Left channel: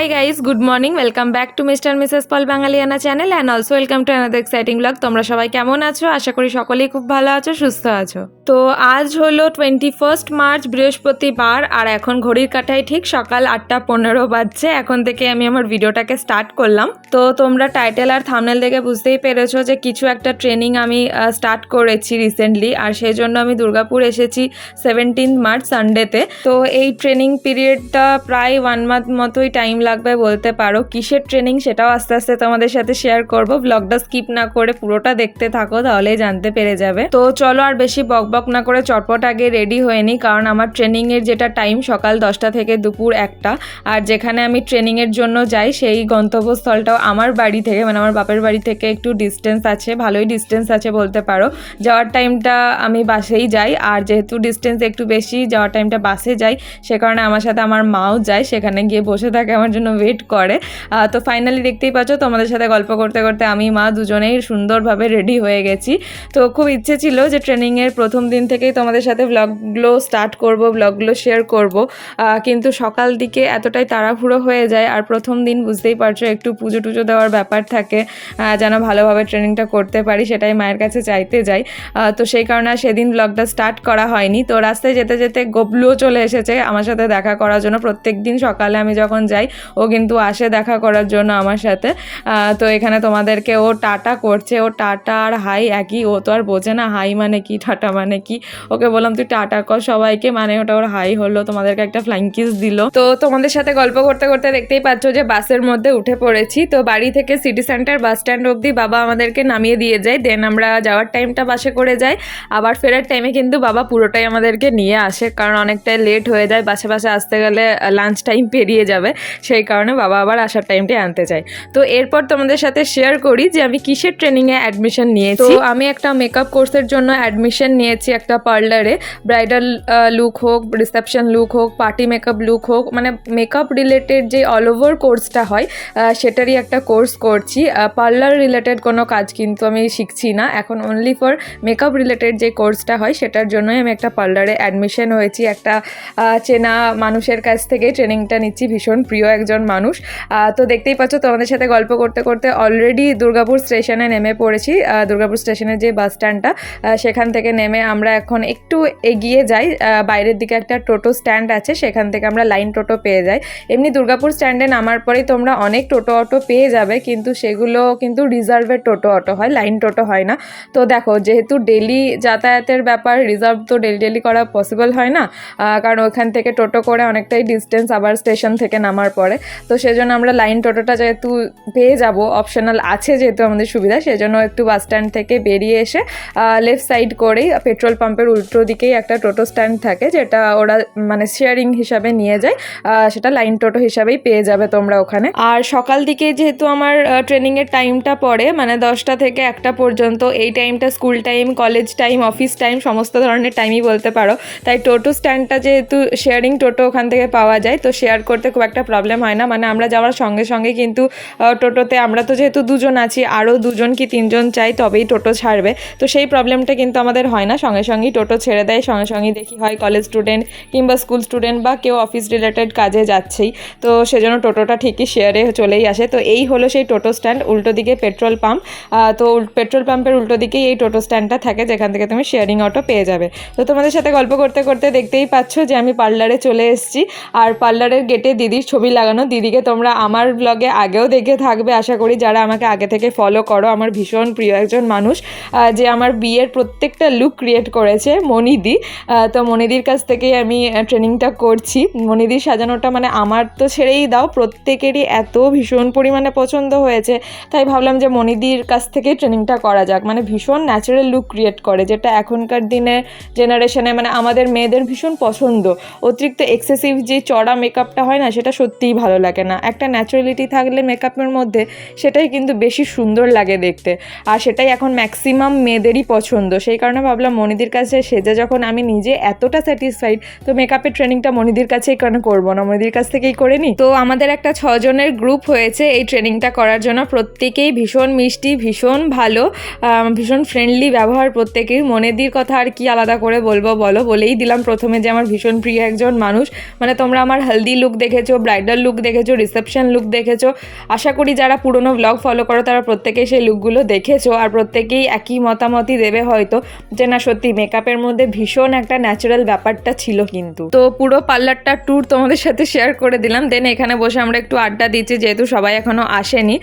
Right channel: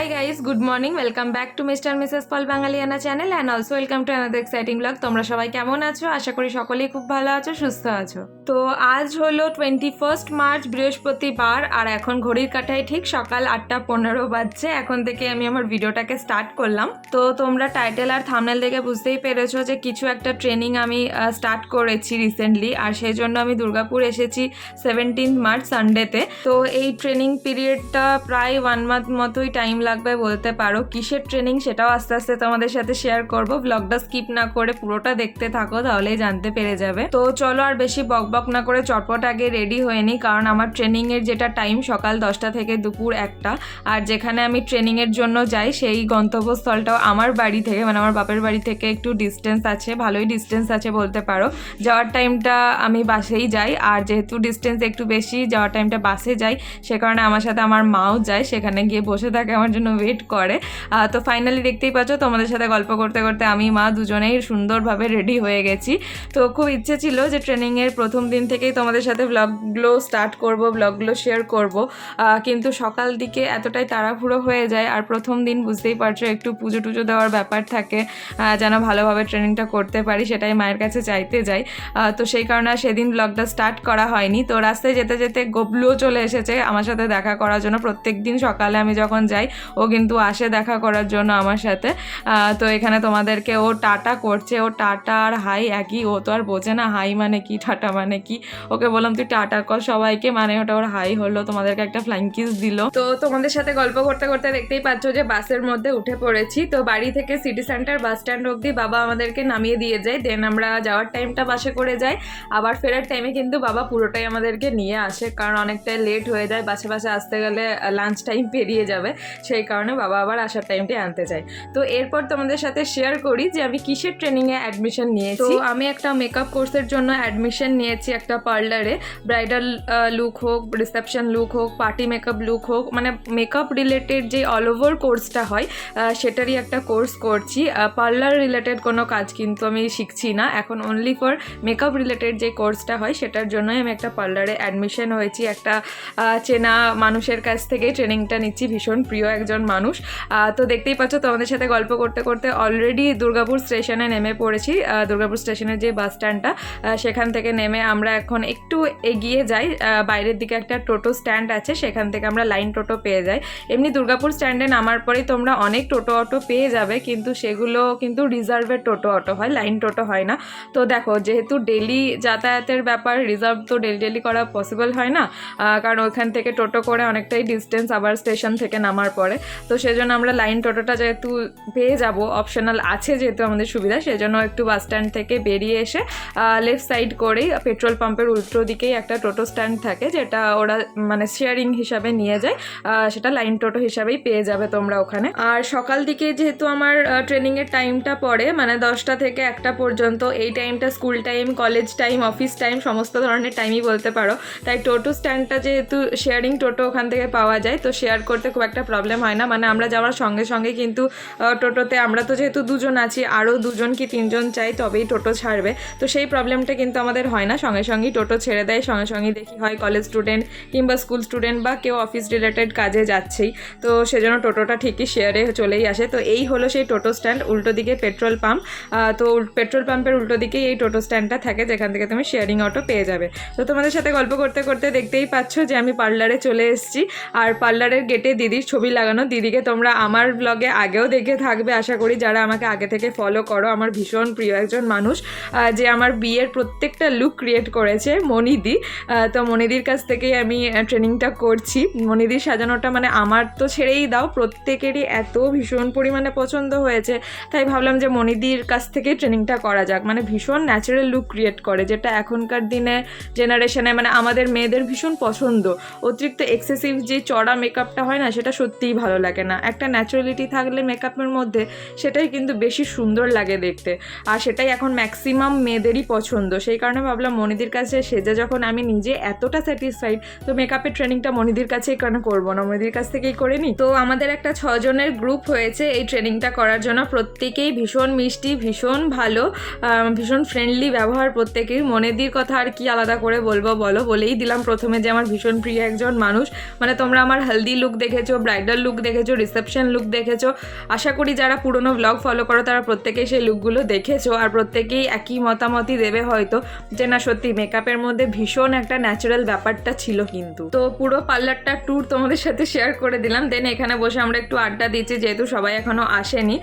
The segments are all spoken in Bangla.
Hi guys, good morning. Welcome back to Mr. and Mrs. Paul Bangaliana channel and also welcome to another exciting vlog. তোমরা সবাই কেমন আছো? আশা করি সকলেই খুব ভালো আছো, সুস্থ আছো। তো আজ হলো 21 মার্চ বৃহস্পতিবার আর এখন ঘড়ির কাঁটায় ঠিক সকাল 8:15 বাজছে। এখন থেকে আমি আমার ভিডিওটাকে স্টার্ট করলাম। তো তোমরা টাইটেল আর থাম্বনেল দেখে বুঝতেই পেরেছো যে কিছু একটা ট্রেনিং আমি স্টার্ট করেছি রিসেন্টলি, আর সেই জন্য আমি দুর্গাপুর এসেছি 17 মার্চ সানডেতে। তো এই ট্রেনিং পিরিয়ডটা প্রায় 1 মান্থ মতোই টাইম লাগবে বলতে পারো। কিসের ট্রেনিং সেটাও আস্তে আস্তে তোমাদের সাথে শেয়ার করব। ব্লগটা স্কিপ না করে পুরোটা দেখতে থাকো, তাহলেই জানতে পেরে যাবে। তো চলো আর বেশি বকবক না করে চটপট আগে রেডি হয়ে নিই, কারণ আমার ট্রেনিংয়ের যেটা টাইম সকাল 10টা থেকে দুপুর 1টা, আর যেখানে আমি ট্রেনিংয়ের জন্য যাই সেই গন্তব্যস্থলটাও আমার বাড়ি থেকে মানে আমার বাপের বাড়ি থেকে একটু ডিস্টেন্স আছে, ভালোই ডিস্টেন্স আছে বলতে পারো। যাওয়ার টাইমটা আমি বাসেই যাই, আর যেহেতু ডিস্টেন্স একটু বেশি যাওয়ার টাইমটা বাসে যাই, সে কারণে আমার সাথে আমার মাও যায়, সেখানে গিয়ে বসে থাকে আমার জন্য ওয়েট করে। তো ফাইনালি দেখতেই পাচ্ছ তোমাদের সাথে গল্প করতে করতে আমি মা দুজনেই সুন্দরভাবে রেডি হয়ে গেছি। তো খুব ইচ্ছে ছিল যে ট্রেনিংয়ের প্রথম দিন থেকেই তোমাদের সাথে ব্লগগুলো স্টার্ট করব, ব্লগগুলো শেয়ার করব, কিন্তু সকাল দিকে এতটাই তাড়াহুড়ো হয়ে যায়, আর প্রথম দিন বুঝতেই পারছো একটু পুজো টুজো দেওয়ার ব্যাপার থাকে, যেন ভালোভাবে ট্রেনিংটা করতে পারি সেটাই মায়ের কাছে চাইতে যাই। তো সেই কারণে সেদিন ব্লগটা স্টার্ট করা হয়নি। তো রাস্তায় যেতে যেতে গবলুও চলে এসেছে আমার সাথে দেখা করার জন্য। প্রত্যেক দিন সকালে আমি যখন যাই ও কিন্তু আসে দেখা করার জন্য আমার সাথে। তো এখানে তোমাদেরকে ও টাটা করছে, ও টাটা আর হাই একই, ও তো আর বোঝে না হাই মানে কি টাটা মানে কি। ওকে বললাম তুই টাটা কর সবাইকে, মানে ওটা ওর হাই হলো, তোমাদেরকে একটা ফ্লাইং কিস দিল। তো তোমাদের সাথে গল্প করতে করতে দেখতেই পাচ্ছ যে বাসের মধ্যে উঠে পড়েছি। তো বাড়ি থেকে সিটি সেন্টার বাস স্ট্যান্ড অবধি বাবা আমাদেরকে নামিয়ে দিয়ে যায়, দেন আমরা যাওয়ার টাইমটা বাসে করে যাই, আবার ফেরার টাইমে কিন্তু বাবা পুরোটাই আমাদেরকে নিয়ে আসে, কারণ অনেকটাই লেট হয়ে যায়, বাসে আসতে গেলে লাঞ্চ টাইম পেরিয়ে যাবে, সেই কারণে বাবা আবার আসার টাইমটাই আনতে চাই। তো এরপর তোমাদের সাথে শেয়ার করি যে আমি কিসের ট্রেনিংয়ে অ্যাডমিশন নিয়েছি। তো আমি একটা মেকআপ কোর্সের জন্য অ্যাডমিশন নিয়েছি একটা পার্লারে। ব্রাইডাল লুক হোক, রিসেপশন লুক হোক, পার্টি মেকআপ লুক হোক, মানে মেকআপ রিলেটেড যে অল ওভার কোর্সটা হয় সেটারই একটা কোর্স করছি। পার্লার রিলেটেড কোনো কাজ কিন্তু আমি শিখছি না এখন, অনলি ফর মেকআপ রিলেটেড যে কোর্সটা হয় সেটার জন্যই আমি একটা পার্লারে অ্যাডমিশন হয়েছি। একটা চেনা মানুষের কাছ থেকে ট্রেনিংটা নিচ্ছি, ভীষণ প্রিয় একজন মানুষ। তো দেখতেই পাচ্ছ তোমাদের সাথে গল্প করতে করতে অলরেডি দুর্গাপুর স্টেশনে নেমে পড়েছি। দুর্গাপুর স্টেশনের যে বাস স্ট্যান্ডটা সেখান থেকে নেমে আমরা এখন একটু এগিয়ে যাই, বাইরের দিকে একটা টোটো স্ট্যান্ড আছে, সেখান থেকে আমরা লাইন টোটো পেয়ে যাই। এমনি দুর্গাপুর স্ট্যান্ডে নামার পরেই তোমরা অনেক টোটো অটো পেয়ে যাবে, কিন্তু সেগুলো কিন্তু রিজার্ভের টোটো অটো হয়, লাইন টোটো হয় না। তো দেখো যেহেতু ডেলি যাতায়াতের ব্যাপার, রিজার্ভ তো ডেলি করা পসিবল হয় না, কারণ ওইখান থেকে টোটো করে অনেকটাই ডিস্টেন্স আবার স্টেশন থেকে নামার পরে। তো সেজন্য আমরা লাইন টোটোটা যেহেতু পেয়ে যাব, অপশনাল আছে যেহেতু আমাদের সুবিধা, সেজন্য একটু বাস স্ট্যান্ড থেকে বেরিয়ে এসে লেফট সাইড করেই পেট্রোল পাম্পের উল্টো দিকেই একটা টোটো স্ট্যান্ড থাকে, যেটা ওরা মানে শেয়ারিং হিসাবে নিয়ে যায়, সেটা লাইন টোটো হিসাবেই পেয়ে যাবে তোমরা ওখানে। আর সকাল দিকে যেহেতু আমার ট্রেনিংয়ের টাইমটা পড়ে মানে 10টা থেকে 1টা পর্যন্ত, এই টাইমটা school time, college time, office time, সমস্ত ধরনের টাইমই বলতে পারো। তাই টোটো স্ট্যান্ডটা যেহেতু শেয়ারিং টোটো ওখান থেকে পাওয়া যায়, তো শেয়ার করতে খুব একটা প্রবলেম হয় না। মানে আমরা যাওয়ার সঙ্গে সঙ্গে কিন্তু টোটোতে আমরা তো যেহেতু দুজন আছি, আরও 2জন কি 3জন চাই তবেই টোটো ছাড়বে, তো সেই প্রবলেমটা কিন্তু আমাদের হয় না, সঙ্গে সঙ্গেই টোটো ছেড়ে দেয়, সঙ্গে সঙ্গেই দেখি হয় কলেজ স্টুডেন্ট কিংবা স্কুল স্টুডেন্ট বা কেউ অফিস রিলেটেড কাজে যাচ্ছেই, তো সেজন্য টোটোটা ঠিকই শেয়ারে চলেই আসে। তো এই হলো সেই টোটো স্ট্যান্ড, উল্টো দিকে পেট্রোল পাম্প। তো পেট্রোল পাম্পের উল্টো দিকেই এই টোটো স্ট্যান্ডটা থাকে, যেখান থেকে তুমি শেয়ারিং অটো পেয়ে যাবে। তো তোমাদের সাথে গল্প করতে করতে দেখতেই পাচ্ছ যে আমি পার্লারে চলে এসেছি, আর পার্লারের গেটে দিদির ছবি লাগানো। দিদিকে তোমরা আমার ব্লগে আগেও দেখে থাকবে আশা করি, যারা আমাকে আগে থেকে ফলো করো। আমার ভীষণ প্রিয় একজন মানুষ, যে আমার বিয়ের প্রত্যেকটা লুক ক্রিয়েট করেছে, মনিদি। তো মনিদির কাছ থেকেই আমি ট্রেনিংটা করছি। মনিদির সাজানোটা মানে আমার তো ছেড়েই দাও, প্রত্যেকেরই এত ভীষণ পরিমাণে পছন্দ হয়েছে, তাই ভাবলাম যে মনিদির কাছ থেকেই ট্রেনিংটা করা যাক। মানে ভীষণ ন্যাচারাল লুক ক্রিয়েট করে, যেটা এখনকার দিনে জেনারেশনে মানে আমাদের মেয়েদের ভীষণ পছন্দ। অতিরিক্ত এক্সেসিভ যে চড়া মেকআপটা হয় না, সেটা সত্যিই ভালো লাগে না। একটা ন্যাচারালিটি থাকলে মেকআপের মধ্যে সেটাই কিন্তু বেশি সুন্দর লাগে দেখতে, আর সেটাই এখন ম্যাক্সিমাম মেয়েদেরই পছন্দ। সেই কারণে ভাবলাম মনিদির কাছে সেজে যখন আমি নিজে এতটা স্যাটিসফাইড, তো মেকআপের ট্রেনিংটা মনিদির কাছেই কেন করবো না, মনিদির কাছ থেকেই করে নিই। তো আমাদের একটা 6 জনের গ্রুপ হয়েছে এই ট্রেনিংটা করার জন্য, প্রত্যেকেই ভীষণ মিষ্টি, ভীষণ ভালো, ভীষণ ফ্রেন্ডলি ব্যবহার প্রত্যেকের। মনিদির কথা আর কি আলাদা করে বলবো, বলেই দিলাম প্রথমে যে আমার ভীষণ প্রিয় একজন মানুষ। মানে তোমরা আমার হলদি লুক দেখেছো, ব্রাইডাল লুক লুক দেখেছো, রিসেপশন লুক দেখেছো। আশা করি যারা পুরনো ব্লগ ফলো করো তারা প্রত্যেকেই সেই লুকগুলো দেখেছো, আর প্রত্যেকেই একই মতামতই দেবে হয়তো যে না সত্যি মেকআপের মধ্যে ভীষণ একটা ন্যাচারাল ব্যাপারটা ছিল। কিন্তু তো পুরো পার্লারটা ট্যুর তোমাদের সাথে শেয়ার করে দিলাম। দেন এখানে বসে আমরা একটু আড্ডা দিচ্ছি, যেহেতু সবাই এখনও আসেনি।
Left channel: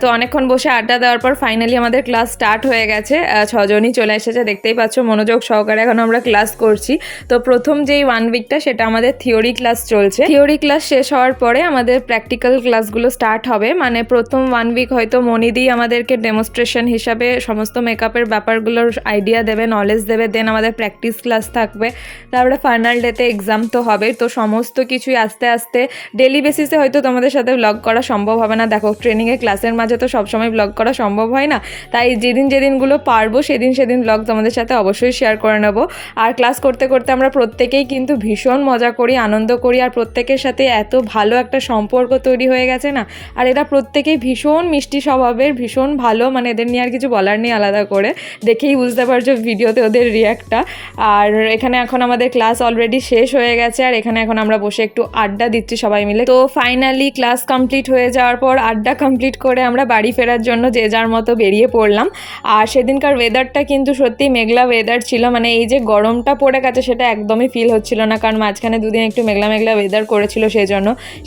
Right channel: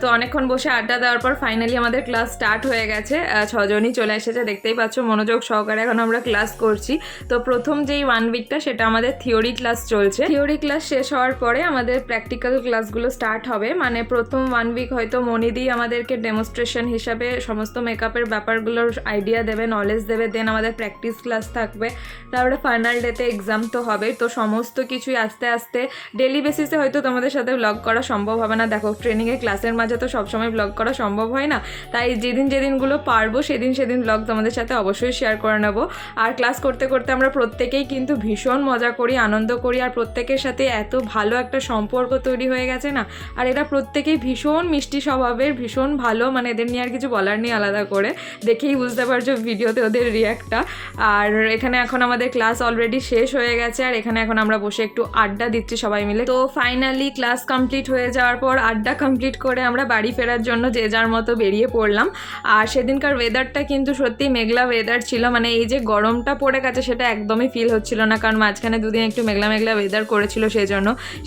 তো অনেকক্ষণ বসে আড্ডা দেওয়ার পর ফাইনালি আমাদের ক্লাস স্টার্ট হয়ে গেছে। 6 জনই চলে এসেছে, দেখতেই পাচ্ছ মনোযোগ সহকারে এখন আমরা ক্লাস করছি। তো প্রথম যেই 1 উইকটা সেটা আমাদের থিওরি ক্লাস চলছে। থিওরি ক্লাস শেষ হওয়ার পরে আমাদের প্র্যাকটিক্যাল ক্লাসগুলো স্টার্ট হবে। মানে প্রথম 1 উইক হয়তো মনিদি আমাদেরকে ডেমনস্ট্রেশন হিসাবে সমস্ত মেকআপের ব্যাপারগুলোর আইডিয়া দেবে, নলেজ দেবে। দেন আমাদের প্র্যাকটিস ক্লাস থাকবে, তারপরে ফাইনাল ডেতে এক্সাম তো হবে। তো সমস্ত কিছুই আস্তে আস্তে ডেলি বেসিসে হয়তো তোমাদের সাথে ব্লগ করা সম্ভব হবে না। দেখো ট্রেনিংয়ে ক্লাসের মাঝে তো সবসময় ব্লগ করা সম্ভব হয় না, তাই যেদিনগুলো পারবো সেদিন ব্লগ তোমাদের সাথে অবশ্যই শেয়ার করে নেব। আর ক্লাস করতে করতে আমরা প্রত্যেকেই কিন্তু ভীষণ মজা করি, আনন্দ করি, আর প্রত্যেকের সাথে এত ভালো একটা সম্পর্ক তৈরি হয়ে গেছে না। আর এরা প্রত্যেকেই ভীষণ মিষ্টি স্বভাবের, ভীষণ ভালো, মানে এদের নিয়ে আর কিছু বলার নেই আলাদা করে, দেখেই বুঝতে পারছো ভিডিওতে ওদের রিয়াক্টটা। আর এখানে এখন আমাদের ক্লাস অলরেডি শেষ হয়ে গেছে, আর এখানে এখন আমরা বসে একটু আড্ডা দিচ্ছি সবাই মিলে। তো ফাইনালি ক্লাস কমপ্লিট হয়ে যাওয়ার পর আড্ডা কমপ্লিট করে আমরা বাড়ি ফেরার জন্য যে যার মতো বেরিয়ে পড়লাম। আর সেদিনকার ওয়েদারটা কিন্তু সত্যি মেঘলা ওয়েদার ছিল, মানে এই যে গরমটা পড়ে গেছে সেটা একদমই ফিল হচ্ছিল না, কারণ মাঝখানে দুদিন একটু মেঘলা ওয়েদার করেছিল।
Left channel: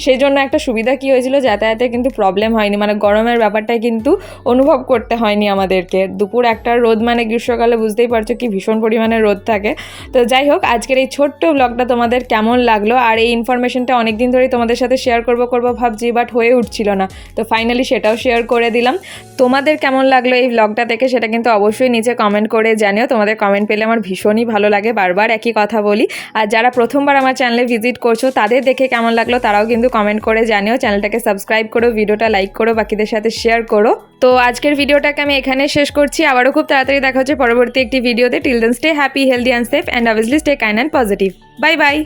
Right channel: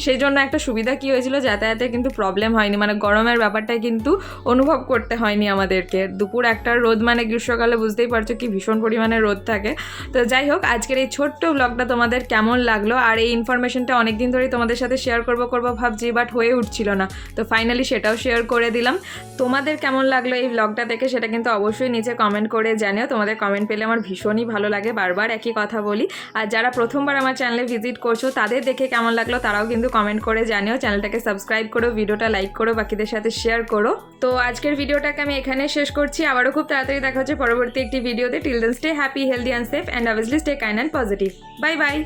সেই জন্য একটা সুবিধা কি হয়েছিল, যাতায়াতে কিন্তু প্রবলেম হয়নি, মানে গরমের ব্যাপারটাই কিন্তু অনুভব করতে হয়নি আমাদেরকে। দুপুর একটা রোদ, মানে গ্রীষ্মকালে বুঝতেই পারছো কি ভীষণ পরিমাণে রোদ থাকে। তো যাই হোক, আজকের এই ছোট্ট ব্লগটা তোমাদের কেমন লাগলো, আর এই ইনফরমেশনটা অনেকদিন ধরেই তোমাদের সাথে শেয়ার করবো ভাবছি, বাট হয়ে উঠছিল না। তো ফাইনালি সেটাও শেয়ার করে দিলাম। তোমাদের কেমন লাগলো এই ব্লগটা দেখে সেটা কিন্তু অবশ্যই নিচে কমেন্ট করে জানিও। তোমাদের কমেন্ট পেলে আমার ভীষণই ভালো লাগে, বারবার একই কথা বলি। আর যারা প্রথমবার আমার চ্যানেলে ভিজিট করছো তাদের দেখে কেমন লাগলো তারাও কিন্তু কমেন্ট করে জানিও। চ্যানেলটাকে সাবস্ক্রাইব করো, ভিডিওটা লাইক করো, বাকিদের সাথে শেয়ার করো। তো আজকের ভিডিওটাকে আমি এখানে শেষ করছি। আবারও খুব তাড়াতাড়ি দেখা হচ্ছে পরবর্তী একটি ভিডিওতে। Till then stay happy, healthy and safe, and obviously stay kind and positive. Bye by.